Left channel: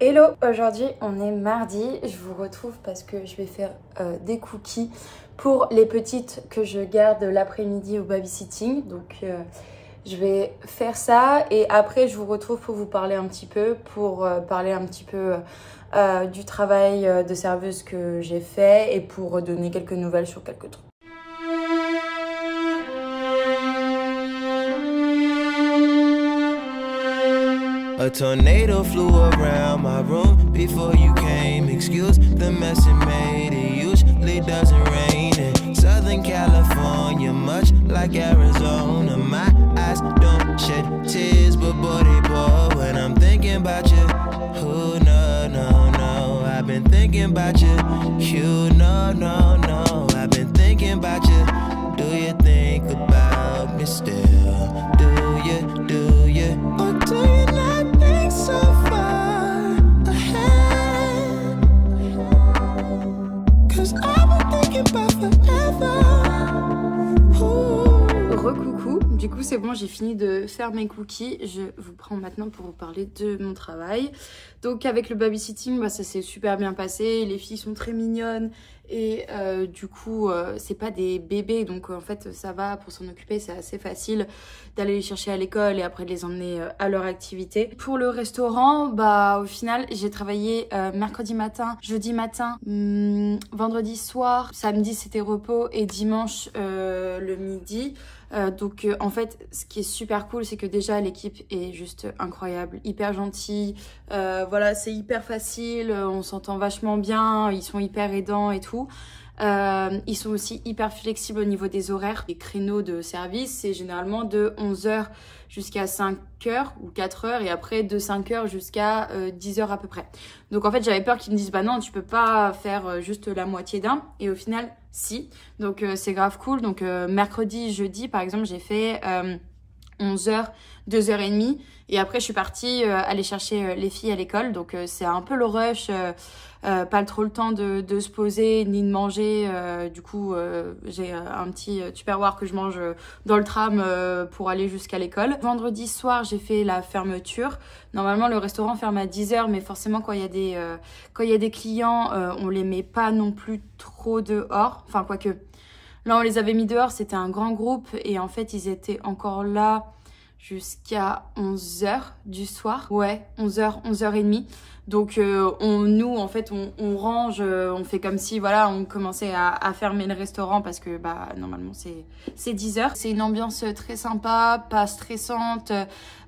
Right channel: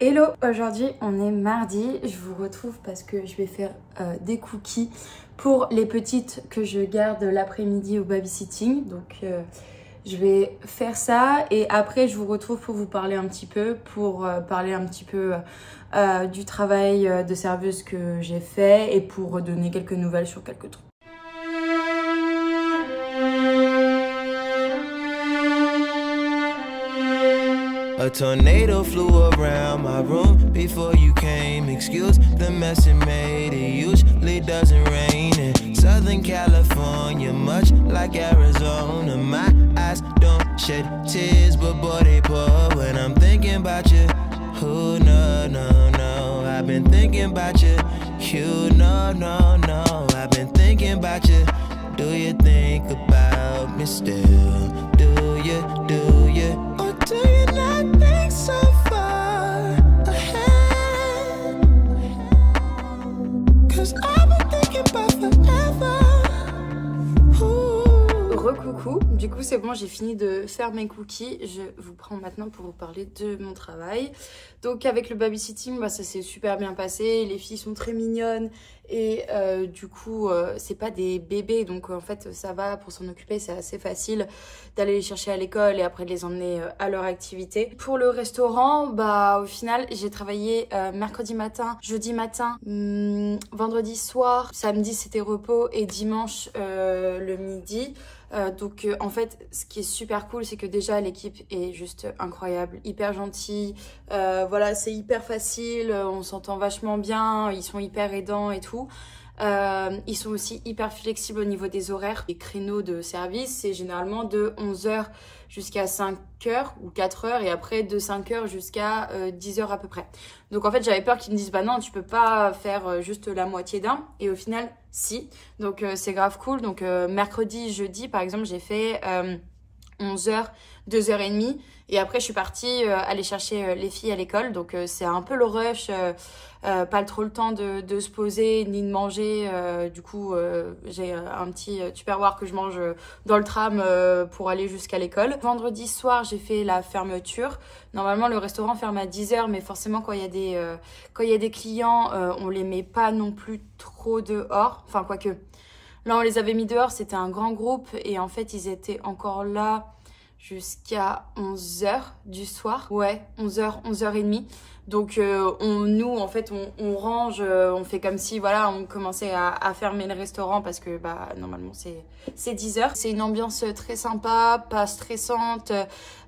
Hello, aujourd'hui on est mardi, je vous retrouve parce que je vais faire des cookies pour les petites que je garde l'après-midi au babysitting. Donc je vais faire ça et après je vous retrouve pour vous parler un petit peu, du travail de serveuse que j'ai fait et pour donner quelques nouvelles sur quelques trucs. A tornado flew around my room before you came. Excuse the mess it made. It usually doesn't rain in Southern California, much like Arizona. My eyes don't shed tears, but boy they pour when I'm thinking about you. Oh no, no, no, I've been thinking about you. You no, no, no, I've been thinking about you. Do you think about me still? Do you, or do you not think so far ahead? 'Cause I've been thinking about forever. Recoucou, du coup c'est bon, j'ai fini de faire mes cookies. Je vous prends maintenant pour vous parler de mon travail. Donc avec le babysitting, ça s'est super bien passé, les filles sont très mignonnes et du coup c'est pas des bébés, donc en fait ça va, pour s'en occuper c'est assez facile d'aller les chercher à l'école et après de les emmener à leur activité. Pour le restaurant, au final j'ai travaillé mercredi matin, jeudi matin, vendredi soir, samedi c'était repos et dimanche le midi. Donc en fait ce qui est super cool, c'est que déjà l'équipe est juste incroyable, hyper gentille, voilà, c'est hyper facile, on s'entend vachement bien, ils sont hyper aidants et tout. Ils sont aussi hyper flexibles au niveau des horaires. Les créneaux de service, c'est généralement de 11 h jusqu'à 5 h ou 4 h et après de 5 h jusqu'à 10 h à peu près. Donc en fait j'avais peur qu'ils me disent non tu peux pas faire juste la moitié d'un, et au final si. Donc c'est grave cool. Donc mercredi, jeudi par exemple j'ai fait 11 h, 2h30 et après je suis partie aller chercher les filles à l'école. Donc c'est un peu le rush, pas trop le temps de se poser ni de manger. Du coup j'ai un petit tupperware que je mange dans le tram pour aller jusqu'à l'école. Vendredi soir j'ai fait la fermeture. Normalement le restaurant ferme à 10 h, mais forcément quand il y a des clients on les met pas non plus trop dehors, enfin quoique. Là, on les avait mis dehors, c'était un grand groupe et en fait, ils étaient encore là jusqu'à 11 h du soir. Ouais, 11 h, 11h30. Donc, nous, en fait, on range, on fait comme si, voilà, on commençait à fermer le restaurant parce que, normalement, c'est 10 h. C'est une ambiance très sympa, pas stressante.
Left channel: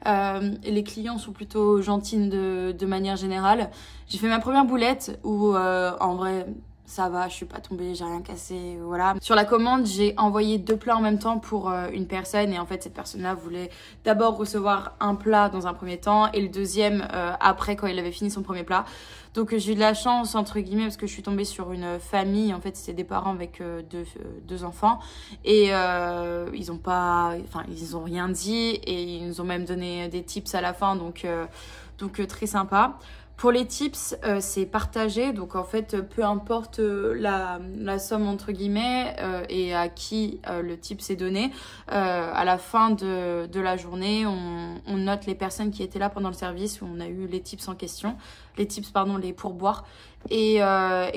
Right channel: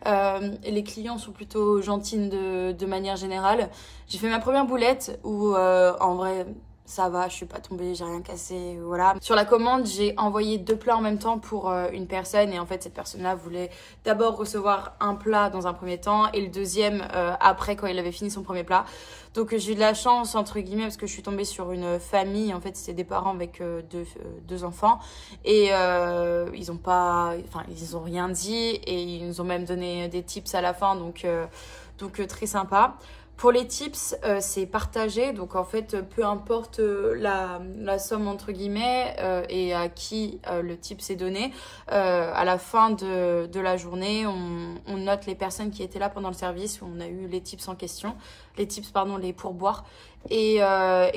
Les clients sont plutôt gentils de manière générale. J'ai fait ma première boulette où, en vrai, ça va, je suis pas tombée, j'ai rien cassé, voilà. Sur la commande, j'ai envoyé 2 plats en même temps pour une personne et en fait cette personne-là voulait d'abord recevoir un plat dans un premier temps et le deuxième après quand il avait fini son premier plat. Donc j'ai eu de la chance entre guillemets parce que je suis tombée sur une famille, en fait c'était des parents avec deux enfants et ils ont rien dit et ils nous ont même donné des tips à la fin, donc très sympa. Pour les tips, c'est partagé, donc en fait, peu importe la somme entre guillemets et à qui le tip est donné, à la fin de la journée, on note les personnes qui étaient là pendant le service où on a eu les tips en question, les pourboires, et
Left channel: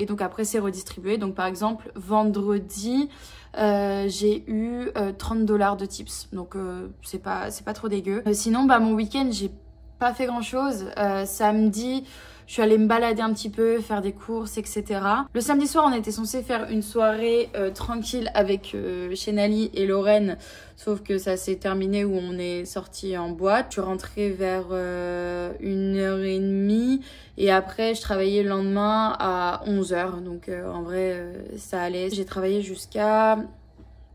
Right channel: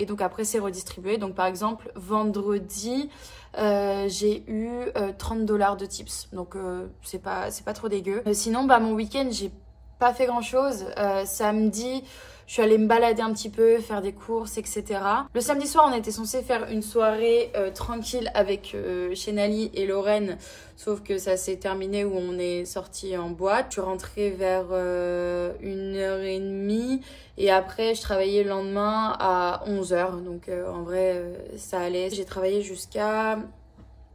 donc après c'est redistribué. Donc par exemple, vendredi, j'ai eu 30 $ de tips, donc c'est pas trop dégueu. Sinon, mon week-end, j'ai pas fait grand chose. Samedi, je suis allée me balader un petit peu, faire des courses, etc. Le samedi soir, on était censé faire une soirée tranquille avec Chénali et Lorraine, sauf que ça s'est terminé où on est sorti en boîte. Je suis rentrée vers 1h30 et après je travaillais le lendemain à 11 h. Donc en vrai, ça allait. J'ai travaillé jusqu'à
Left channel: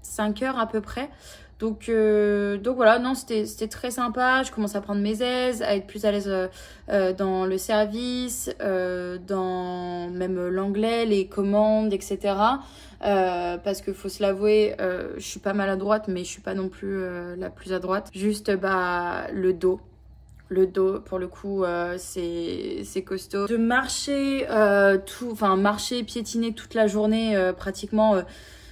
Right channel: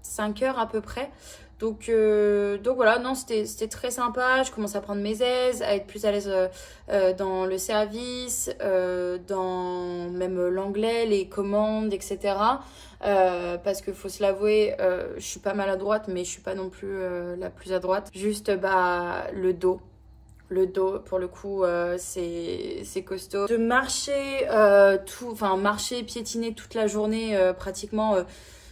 5 h à peu près. Donc voilà, non, c'était très sympa. Je commence à prendre mes aises, à être plus à l'aise dans le service, dans même l'anglais, les commandes, etc. Parce que faut se l'avouer, je suis pas maladroite, mais je suis pas non plus la plus à droite. Juste le dos. Le dos, pour le coup, c'est costaud. De marcher, marcher, piétiner toute la journée, pratiquement.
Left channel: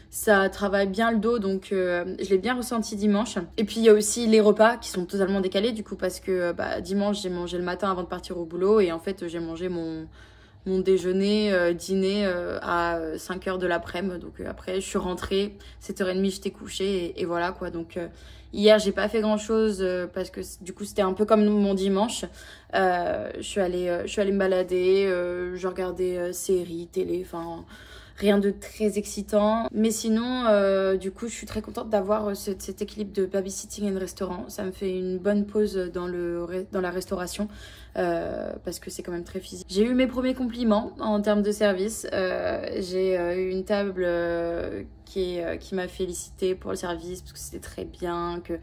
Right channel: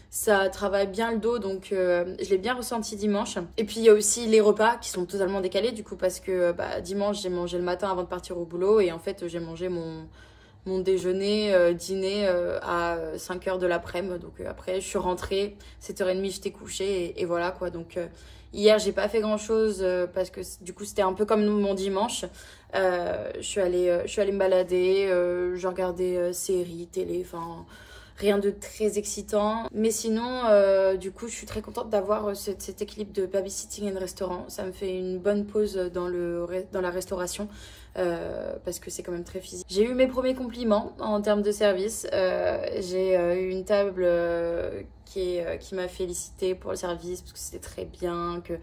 Ça travaille bien le dos, donc je l'ai bien ressenti dimanche. Et puis il y a aussi les repas qui sont totalement décalés du coup parce que dimanche j'ai mangé le matin avant de partir au boulot et en fait j'ai mangé mon déjeuner, dîner à 5h de l'après-midi. Donc après je suis rentrée, 7h30 j'étais couchée et voilà quoi. Donc hier j'ai pas fait grand chose parce que du coup c'était un peu comme mon dimanche. Je suis allée me balader, je regardais séries, télé, enfin... Rien de très excitant. Mais sinon, du coup, je suis très contente d'avoir cet équilibre de babysitting and restaurant. Ça me fait une bonne pause dans la restauration parce que c'est quand même très physique. J'ai eu mes premiers compliments en termes de service. J'ai eu une table qui m'a félicité pour le service parce que c'était très bien, que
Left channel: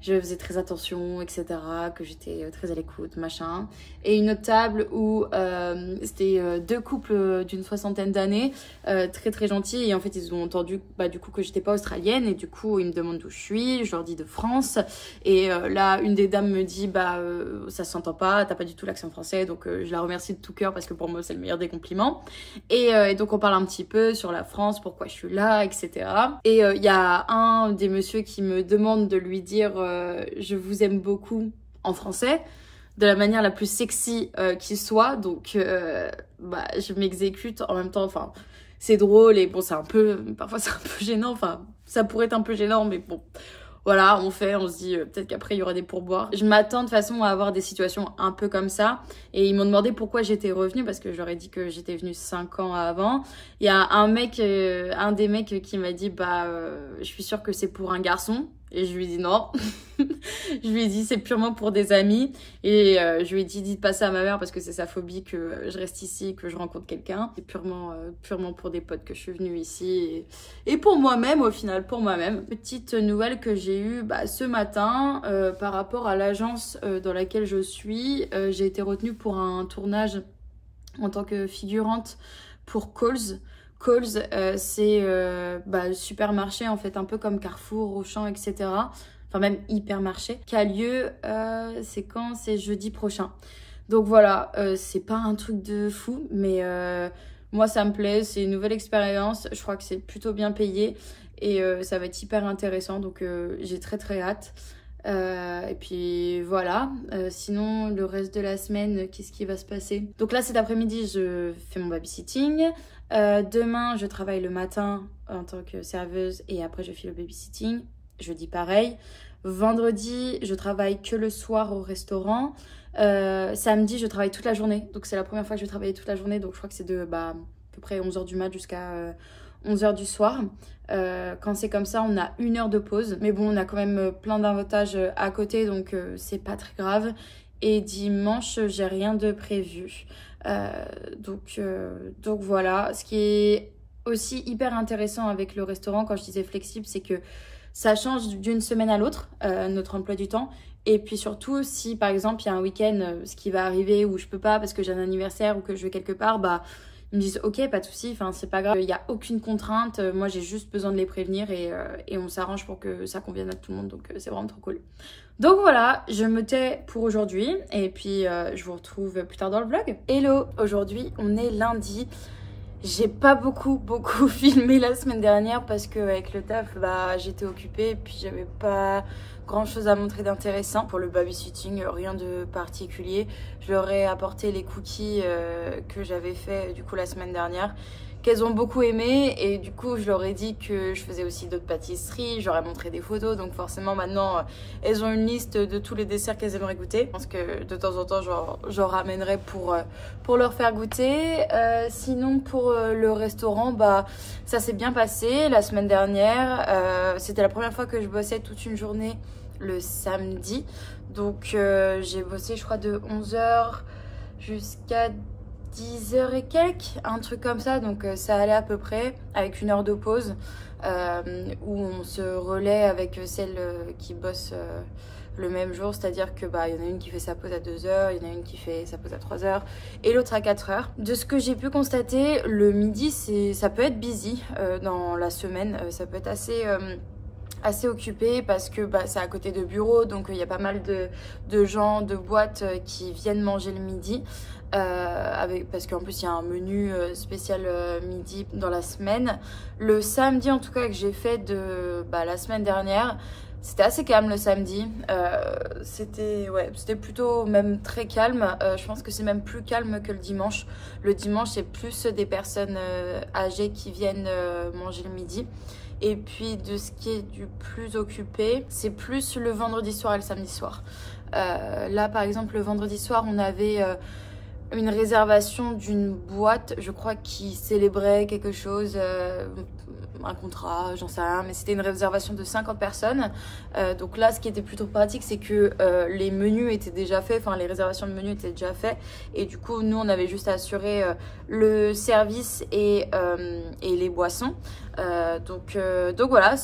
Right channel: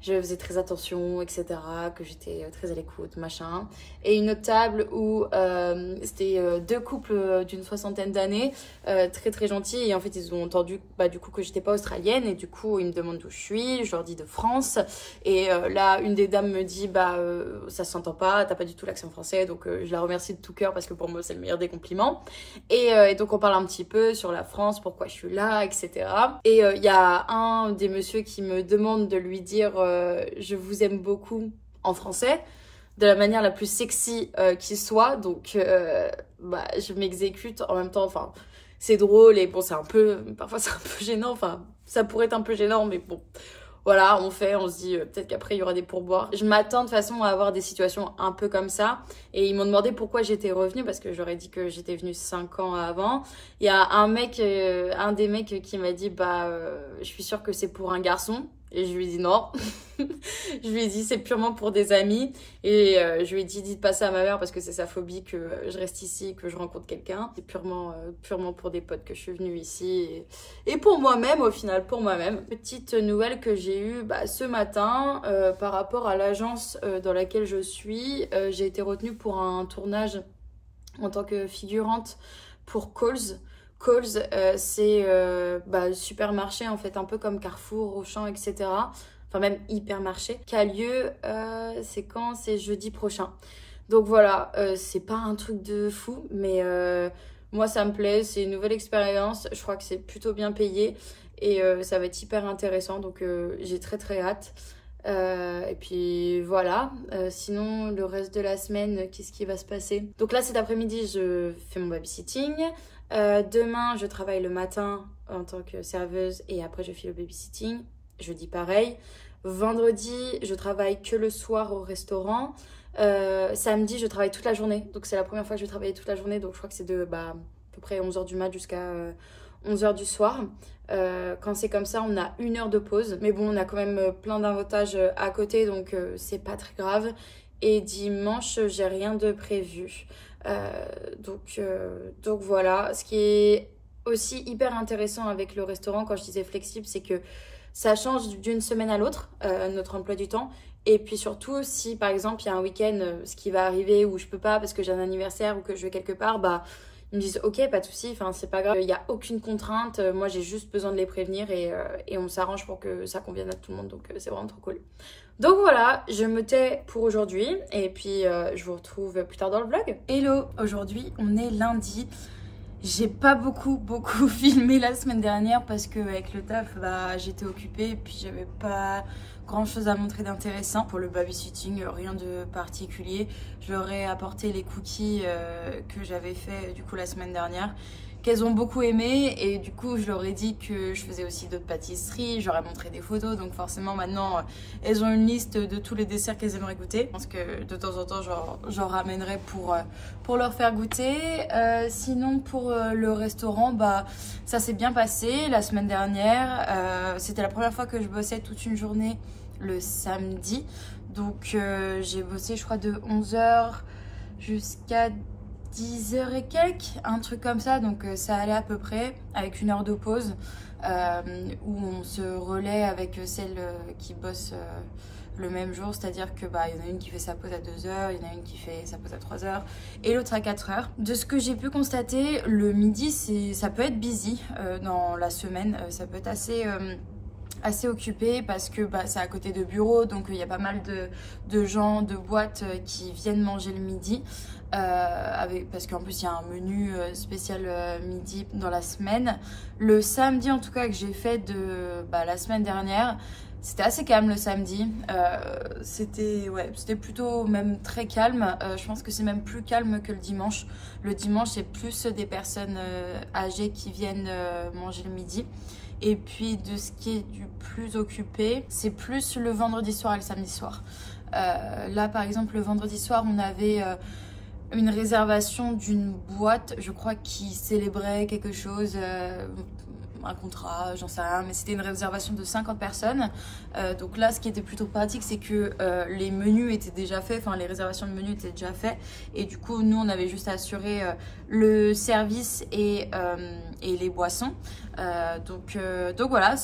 je faisais très attention, etc., que j'étais très à l'écoute, machin. Et une autre table où c'était deux couples d'une 60aine d'années, très très gentils. Et en fait, ils ont entendu du coup que j'étais pas australienne. Et du coup, ils me demandent d'où je suis. Je leur dis de France. Et là, une des dames me dit, ça s'entend pas, t'as pas du tout l'accent français. Donc, je la remercie de tout cœur parce que pour moi, c'est le meilleur des compliments. Et donc, on parle un petit peu sur la France, pourquoi je suis là, etc. Et il y a un des messieurs qui me demande de lui dire je vous aime beaucoup en français de la manière la plus sexy qui soit. Donc je m'exécute en même temps. Enfin, c'est drôle et bon, parfois c'est un peu gênant. Enfin, ça pourrait être un peu gênant, mais bon. Voilà, on se dit peut-être qu'après il y aura des pourboires. Je m'attends de toute façon à avoir des situations un peu comme ça. Et ils m'ont demandé pourquoi j'étais revenue, parce que je leur ai dit que j'étais venue 5 ans avant. Il y a un des mecs qui m'a dit je suis sûre que c'est pour un garçon. Et je lui ai dit non. Je lui ai dit c'est purement pour des amis. Et je lui ai dit dites pas ça à ma mère parce que c'est sa phobie que je reste ici, que je rencontre quelqu'un. C'est purement pour des potes que je suis venue ici. Et pour moi-même, au final, pour moi-même. Petite nouvelle que j'ai eue ce matin par rapport à l'agence dans laquelle je suis. J'ai été retenue pour un tournage en tant que figurante pour Coles. Coles, c'est supermarché en fait, un peu comme Carrefour, Auchan, etc. Enfin même hypermarché, qui a lieu, c'est jeudi prochain. Donc voilà, c'est pas un truc de fou, mais moi ça me plaît, c'est une nouvelle expérience. Je crois que c'est plutôt bien payé et ça va être hyper intéressant, donc j'ai très très hâte. Et puis voilà, sinon le reste de la semaine, qu'est-ce qui va se passer? Donc là cet après-midi je fais mon babysitting. Demain je travaille le matin en tant que serveuse et après je fais le babysitting. Jeudi pareil. Vendredi je travaille que le soir au restaurant. Samedi je travaille toute la journée, donc c'est la première fois que je vais travailler toute la journée, donc je crois que c'est de à peu près 11h du mat jusqu'à 11h du soir. Quand c'est comme ça, on a 1 heure de pause. Mais bon, on a quand même plein d'avantages à côté, donc c'est pas très grave. Et dimanche, j'ai rien de prévu. Donc voilà. Ce qui est aussi hyper intéressant avec le restaurant, quand je disais flexible, c'est que ça change d'une semaine à l'autre, notre emploi du temps. Et puis surtout, si par exemple, il y a un week-end, ce qui va arriver où je peux pas parce que j'ai un anniversaire ou que je vais quelque part, ils me disent ok, pas de souci, enfin c'est pas grave, il n'y a aucune contrainte, moi j'ai juste besoin de les prévenir et on s'arrange pour que ça convienne à tout le monde, donc c'est vraiment trop cool. Donc voilà, je me tais pour aujourd'hui et puis je vous retrouve plus tard dans le vlog. Hello, aujourd'hui on est lundi. J'ai pas beaucoup filmé la semaine dernière parce qu'avec le taf, j'étais occupée et puis j'avais pas grand chose à montrer d'intéressant. Pour le babysitting, rien de particulier. Je leur ai apporté les cookies que j'avais fait du coup la semaine dernière, qu'elles ont beaucoup aimé, et du coup je leur ai dit que je faisais aussi d'autres pâtisseries, je leur ai montré des photos, donc forcément maintenant elles ont une liste de tous les desserts qu'elles aimeraient goûter. Je pense que de temps en temps j'en ramènerai pour leur faire goûter. Sinon pour le restaurant, ça s'est bien passé la semaine dernière. C'était la première fois que je bossais toute une journée le samedi, donc j'ai bossé je crois de 11h jusqu'à 10h et quelques, un truc comme ça, donc ça allait à peu près, avec 1 heure de pause où on se relaie avec celles qui bossent le même jour, c'est-à-dire que il y en a une qui fait sa pause à 2h, il y en a une qui fait sa pause à 3h et l'autre à 4h. De ce que j'ai pu constater, le midi ça peut être busy dans la semaine, ça peut être assez occupé parce que bah, c'est à côté de bureaux, donc il y a pas mal de gens, de boîtes qui viennent manger le midi. Parce qu'en plus il y a un menu spécial midi dans la semaine. Le samedi en tout cas que j'ai fait de la semaine dernière, c'était assez calme le samedi. C'était plutôt même très calme. Je pense que c'est même plus calme que le dimanche. Le dimanche c'est plus des personnes âgées qui viennent manger le midi. Et puis de ce qui est du plus occupé, c'est plus le vendredi soir et le samedi soir. Là par exemple le vendredi soir on avait une réservation d'une boîte, je crois, qui célébrait quelque chose, un contrat, j'en sais rien, mais c'était une réservation de 50 personnes. Donc là, ce qui était plutôt pratique, c'est que les menus étaient déjà faits, enfin les réservations de menus étaient déjà faites. Et du coup, nous, on avait juste à assurer le service et les boissons. Donc voilà,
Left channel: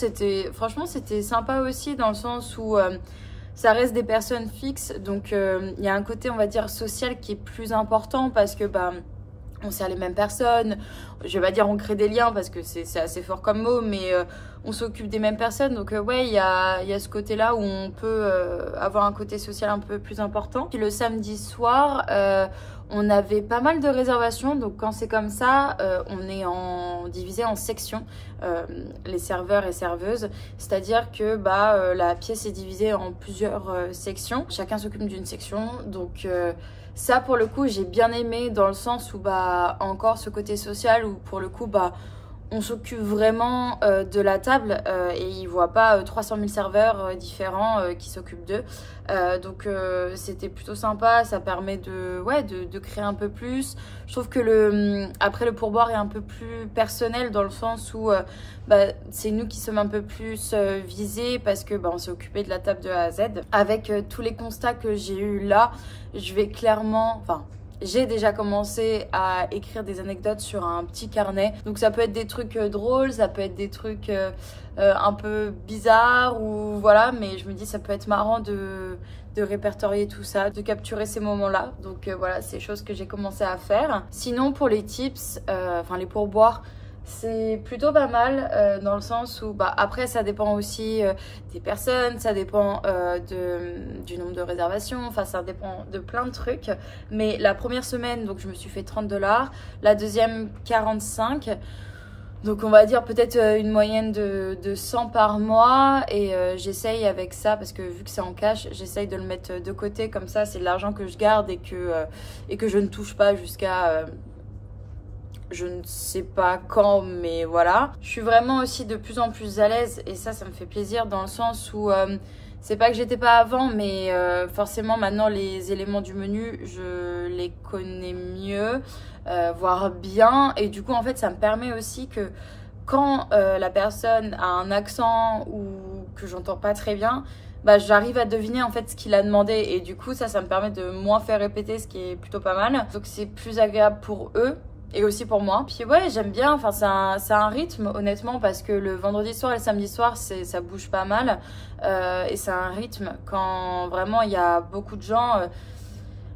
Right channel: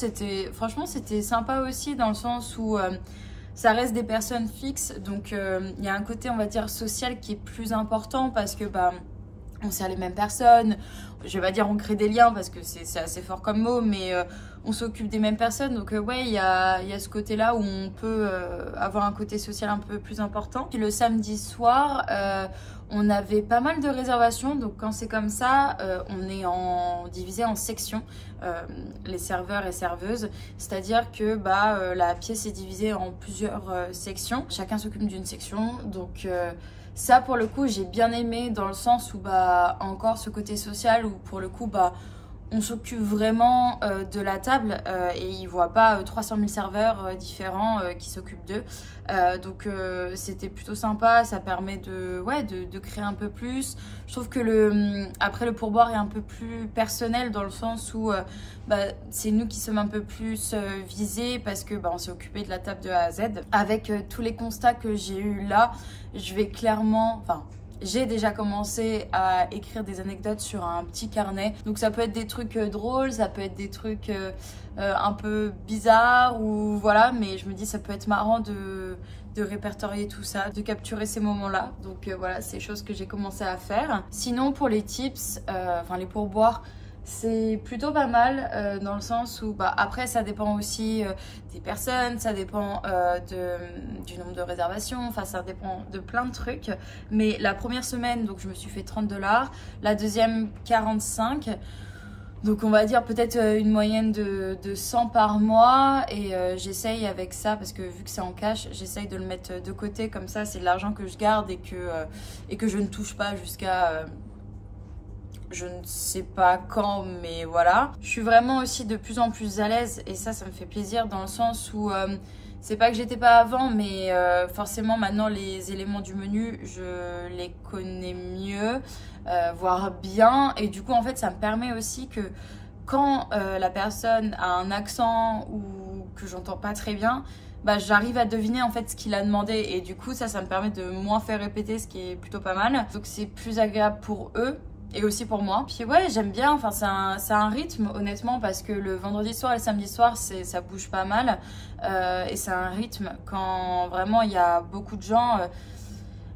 franchement, c'était sympa aussi dans le sens où ça reste des personnes fixes, donc il y a un côté, on va dire, social qui est plus important parce que on sert les mêmes personnes. Je vais pas dire on crée des liens parce que c'est assez fort comme mot, mais on s'occupe des mêmes personnes. Donc ouais, il y a ce côté-là où on peut avoir un côté social un peu plus important. Puis le samedi soir, on avait pas mal de réservations. Donc quand c'est comme ça, on est divisé en sections, les serveurs et serveuses. C'est-à-dire que la pièce est divisée en plusieurs sections. Chacun s'occupe d'une section. Donc ça pour le coup j'ai bien aimé dans le sens où encore ce côté social où pour le coup on s'occupe vraiment de la table et ils voient pas 300 000 serveurs différents qui s'occupent d'eux. Donc c'était plutôt sympa, ça permet de créer un peu plus. Je trouve que après le pourboire est un peu plus personnel dans le sens où c'est nous qui sommes un peu plus visés parce que on s'est occupé de la table de A à Z. Avec tous les constats que j'ai eu là, je vais clairement, j'ai déjà commencé à écrire des anecdotes sur un petit carnet. Donc ça peut être des trucs drôles, ça peut être des trucs un peu bizarres ou voilà, mais je me dis ça peut être marrant de répertorier tout ça, de capturer ces moments-là. Donc voilà, c'est des choses que j'ai commencé à faire. Sinon pour les tips, les pourboires, c'est plutôt pas mal dans le sens où après ça dépend aussi des personnes, ça dépend du nombre de réservations, enfin ça dépend de plein de trucs. Mais la première semaine, donc je me suis fait 30 $, la deuxième 45. Donc on va dire peut-être une moyenne de 100 par mois et j'essaye avec ça parce que vu que c'est en cash, j'essaye de le mettre de côté comme ça, c'est de l'argent que je garde et que je ne touche pas jusqu'à je ne sais pas quand, mais voilà. Je suis vraiment aussi de plus en plus à l'aise et ça me fait plaisir dans le sens où c'est pas que j'étais pas avant, mais forcément maintenant les éléments du menu, je les connais mieux, voire bien. Et du coup, en fait, ça me permet aussi que quand la personne a un accent ou que j'entends pas très bien, j'arrive à deviner en fait ce qu'il a demandé et du coup ça me permet de moins faire répéter, ce qui est plutôt pas mal. Donc c'est plus agréable pour eux. Et aussi pour moi. Puis ouais, j'aime bien, enfin c'est un rythme honnêtement parce que le vendredi soir et le samedi soir ça bouge pas mal et c'est un rythme quand vraiment il y a beaucoup de gens,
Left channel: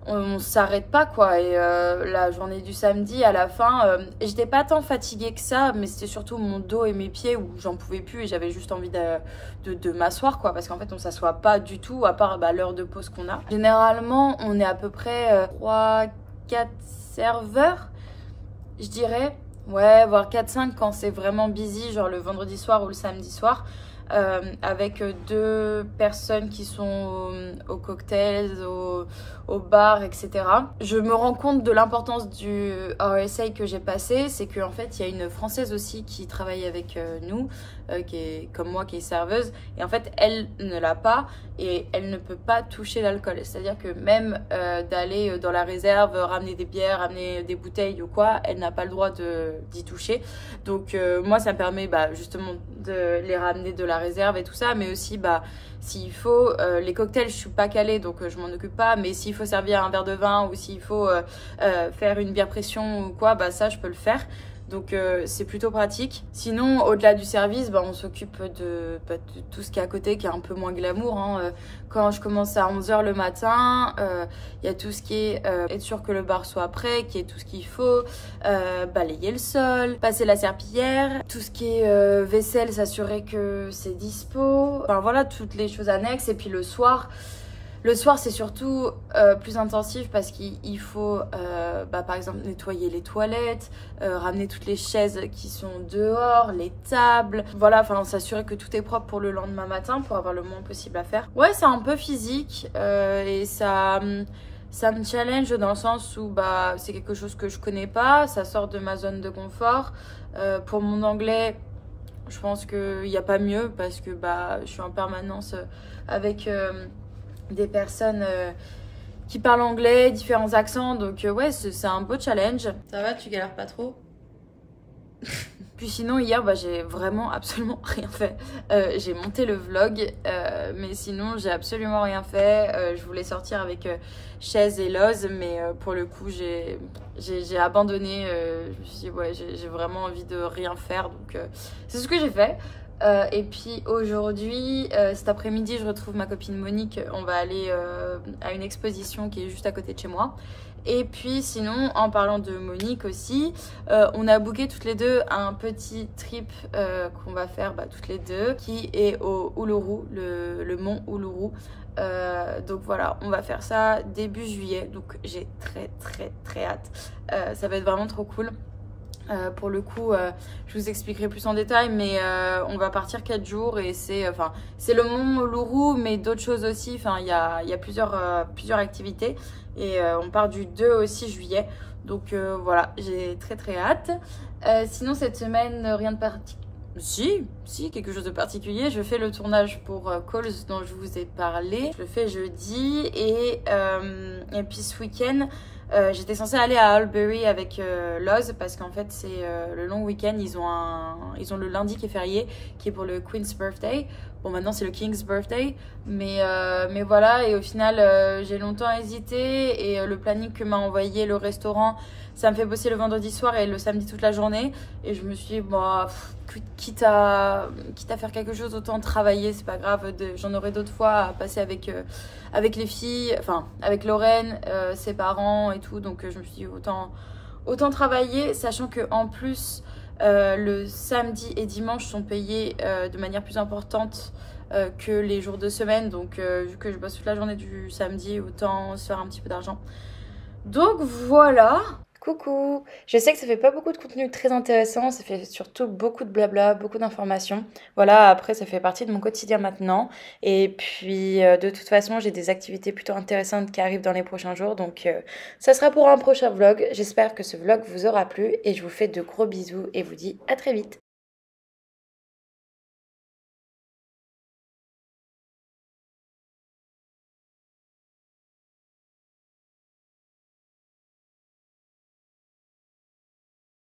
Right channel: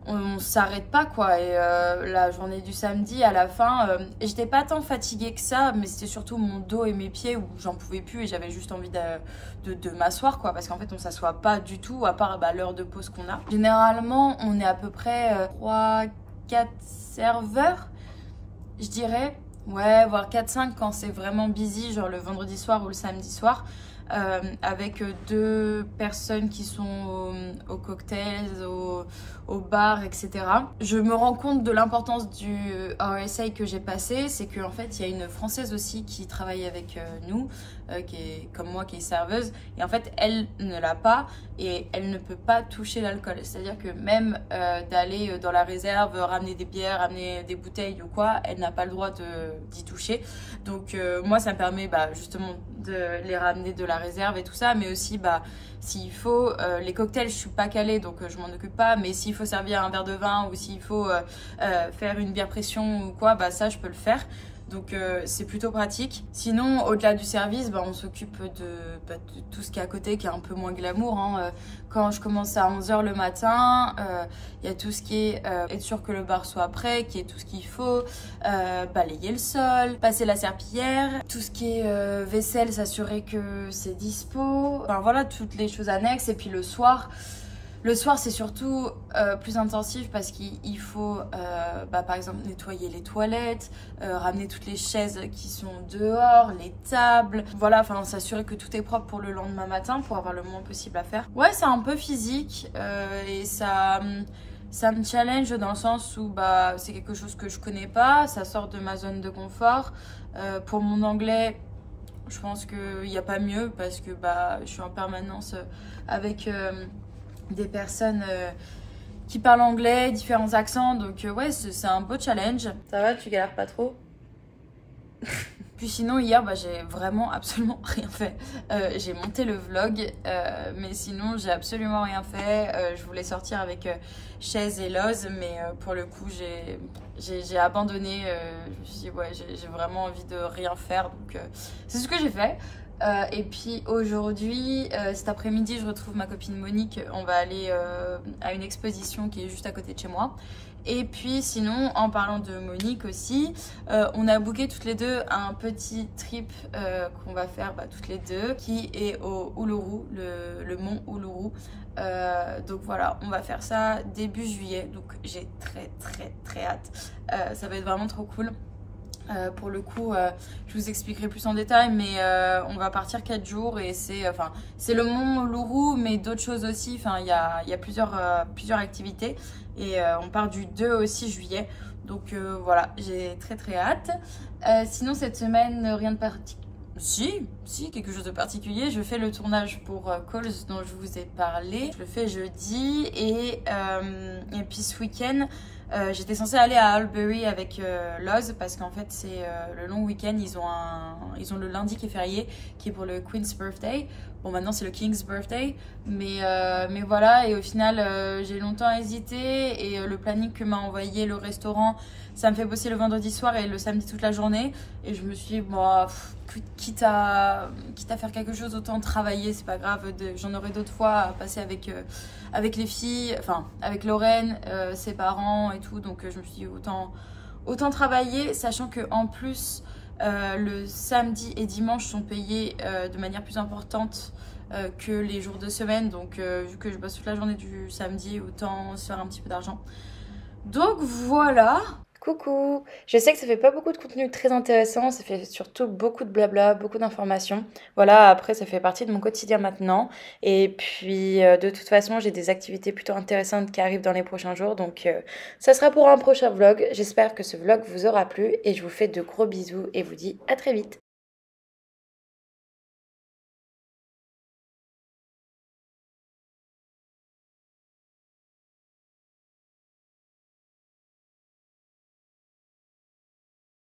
on s'arrête pas quoi. Et la journée du samedi à la fin, j'étais pas tant fatiguée que ça, mais c'était surtout mon dos et mes pieds où j'en pouvais plus et j'avais juste envie de m'asseoir quoi, parce qu'en fait on s'assoit pas du tout à part l'heure de pause qu'on a. Généralement on est à peu près 3-4 serveurs, je dirais, ouais, voire 4-5 quand c'est vraiment busy, genre le vendredi soir ou le samedi soir, avec 2 personnes qui sont au cocktails, au bar, etc. Je me rends compte de l'importance du RSA que j'ai passé, c'est qu'en fait, il y a une Française aussi qui travaille avec nous, qui est comme moi, qui est serveuse, et en fait, elle ne l'a pas, et elle ne peut pas toucher l'alcool. C'est-à-dire que même d'aller dans la réserve, ramener des bières, ramener des bouteilles ou quoi, elle n'a pas le droit d'y toucher. Donc moi, ça me permet justement de les ramener de la réserve et tout ça, mais aussi s'il faut, les cocktails je suis pas calée donc je m'en occupe pas, mais s'il faut servir un verre de vin ou s'il faut faire une bière pression ou quoi, ça je peux le faire. Donc c'est plutôt pratique. Sinon, au-delà du service, on s'occupe de tout ce qui est à côté, qui est un peu moins glamour. Hein. Quand je commence à 11 h le matin, il y a tout ce qui est être sûr que le bar soit prêt, qu'il y ait tout ce qu'il faut, balayer le sol, passer la serpillière, tout ce qui est vaisselle, s'assurer que c'est dispo. Enfin voilà, toutes les choses annexes. Et puis le soir, c'est surtout plus intensif parce qu'il faut, par exemple, nettoyer les toilettes, ramener toutes les chaises qui sont dehors, les tables. Voilà, enfin, s'assurer que tout est propre pour le lendemain matin pour avoir le moins possible à faire. Ouais, c'est un peu physique et ça me challenge dans le sens où c'est quelque chose que je connais pas, ça sort de ma zone de confort. Pour mon anglais, je pense qu'il n'y a pas mieux parce que je suis en permanence avec des personnes qui parlent anglais, différents accents, donc ouais, c'est un beau challenge. Ça va, tu galères pas trop? Puis sinon hier j'ai vraiment absolument rien fait. J'ai monté le vlog mais sinon j'ai absolument rien fait. Je voulais sortir avec Chaise et Loz mais pour le coup j'ai abandonné. Je me suis dit ouais, j'ai vraiment envie de rien faire, donc c'est ce que j'ai fait. Et puis aujourd'hui, cet après-midi, je retrouve ma copine Monique. On va aller à une exposition qui est juste à côté de chez moi. Et puis sinon, en parlant de Monique aussi, on a booké toutes les deux un petit trip qu'on va faire toutes les deux, qui est au Uluru, le mont Uluru. Donc voilà, on va faire ça début juillet, donc j'ai très hâte. Ça va être vraiment trop cool. Pour le coup, je vous expliquerai plus en détail, mais on va partir 4 jours et c'est le mont Uluru, mais d'autres choses aussi. Enfin, il y a plusieurs activités et on part du 2 au 6 juillet. Donc voilà, j'ai très hâte. Sinon, cette semaine, rien de particulier. Si, quelque chose de particulier. Je fais le tournage pour Calls dont je vous ai parlé. Je le fais jeudi et puis ce week-end, j'étais censée aller à Albury avec Loz parce qu'en fait c'est le long week-end. Ils ont le lundi qui est férié, qui est pour le Queen's Birthday. Bon, maintenant c'est le King's Birthday, mais voilà. Et au final j'ai longtemps hésité et le planning que m'a envoyé le restaurant, ça me fait bosser le vendredi soir et le samedi toute la journée. Et je me suis dit quitte à faire quelque chose, autant travailler, c'est pas grave. J'en aurai d'autres fois à passer avec les filles, enfin avec Lorraine, ses parents et tout. Donc je me suis dit autant travailler, sachant que en plus le samedi et dimanche sont payés de manière plus importante que les jours de semaine. Donc vu que je bosse toute la journée du samedi, autant se faire un petit peu d'argent. Donc voilà. Coucou, je sais que ça fait pas beaucoup de contenu très intéressant, ça fait surtout beaucoup de blabla, beaucoup d'informations. Voilà, après ça fait partie de mon quotidien maintenant. Et puis de toute façon, j'ai des activités plutôt intéressantes qui arrivent dans les prochains jours. Donc ça sera pour un prochain vlog. J'espère que ce vlog vous aura plu et je vous fais de gros bisous et vous dis à très vite.